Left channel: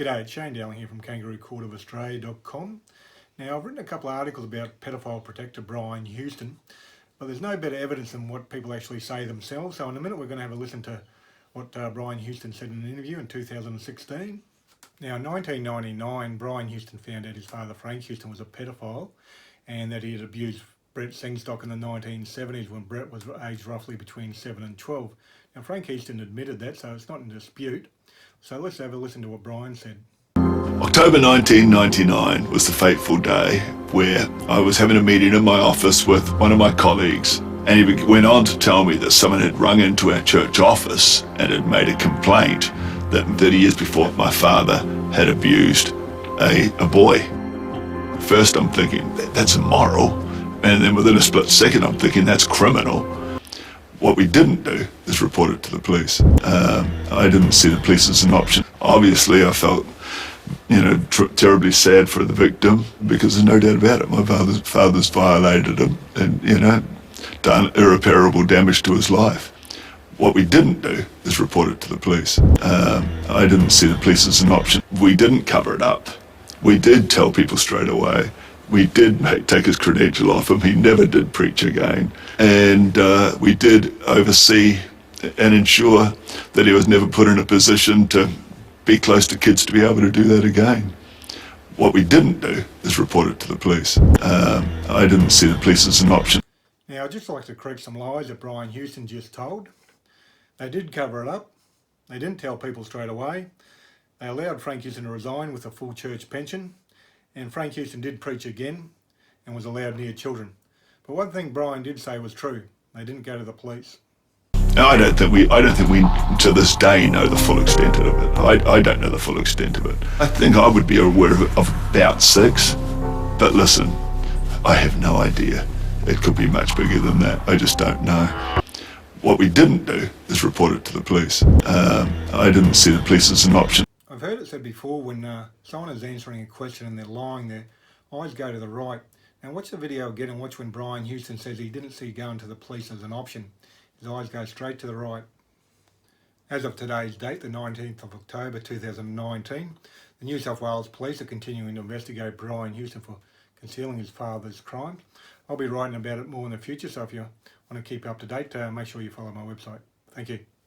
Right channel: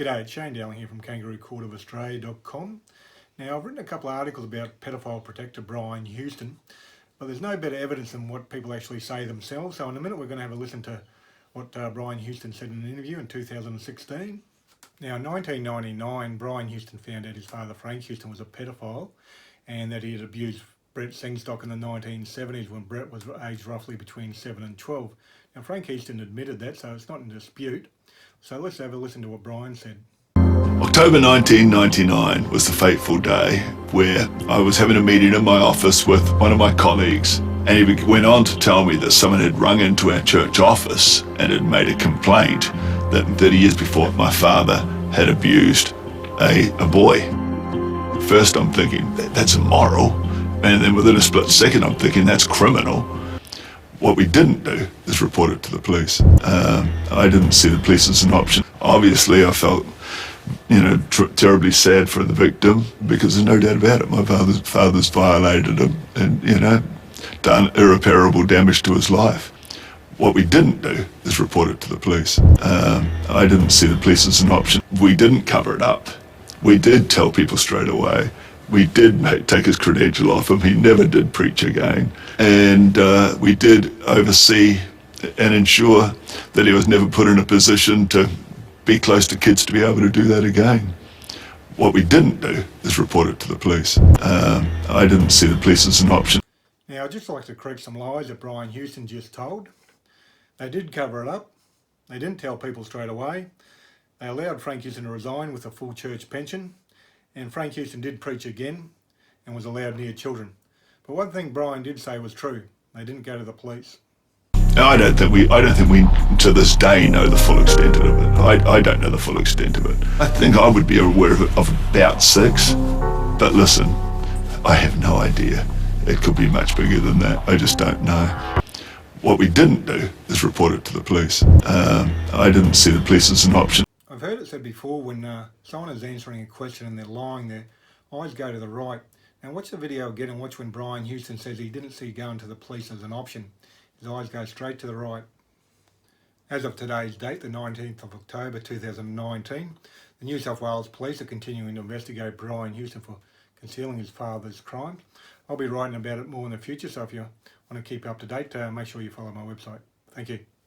G'day, it's Shane Dowling here from kangaroocourtofaustralia.com. Now, I've written a couple of articles about pedophile protector Brian Houston, but there's no better evidence than what people actually say themselves. So in a minute we're going to have a listen to what Brian Houston said in an interview in 2016. Now, in 1999, Brian Houston found out his father, Frank Houston, was a pedophile and that he had abused Brett Singstock in the 1970s when Brett was aged roughly between 7 and 12. Now, Frank Houston admitted that, so it's not in dispute. So let's have a listen to what Brian said. October 1999 was the fateful day where I was having a meeting in my office with one of my colleagues, and he went on to tell me that someone had rung into our church office and had made a complaint that 30 years before my father had abused a boy. First I'm thinking, that's immoral, and then within a split second I'm thinking, that's criminal. What we didn't do is report it to the police. I didn't see the police as an option. Obviously I felt terribly sad for the victim, because there's no doubt about it, my father's violated him and done irreparable damage to his life. What we didn't do is report it to the police. I didn't see the police as an option. We didn't cover it up. We did tell people straight away. We did take his credential off him. He never did preach again. And we did oversee and ensure that he was never put in a position to be close to kids to be able to do that again. What we didn't do is report it to the police. I didn't see the police as an option. Now, I'd just like to correct some lies that Brian Houston just told. They did cover it up. They didn't tell people straight away. They allowed Frank Houston to resign with a full church pension. And Frank Houston did preach again and was allowed near children. But one thing Brian did say was true. They didn't go to the police. I don't think we to this day know the full extent of it. I don't know the full extent of it. I think I would be aware of about 6, but listen, I have no idea. It could be much bigger than that. I just don't know. What we didn't do is report it to the police. I didn't see the police as an option. I've heard it said before, when someone is answering a question and they're lying, their eyes go to the right. Now watch the video again and watch when Brian Houston says he didn't see going to the police as an option. His eyes go straight to the right. As of today's date, the 19th of October 2019, the New South Wales Police are continuing to investigate Brian Houston for concealing his father's crimes. I'll be writing about it more in the future, so if you want to keep up to date, make sure you follow my website. Thank you.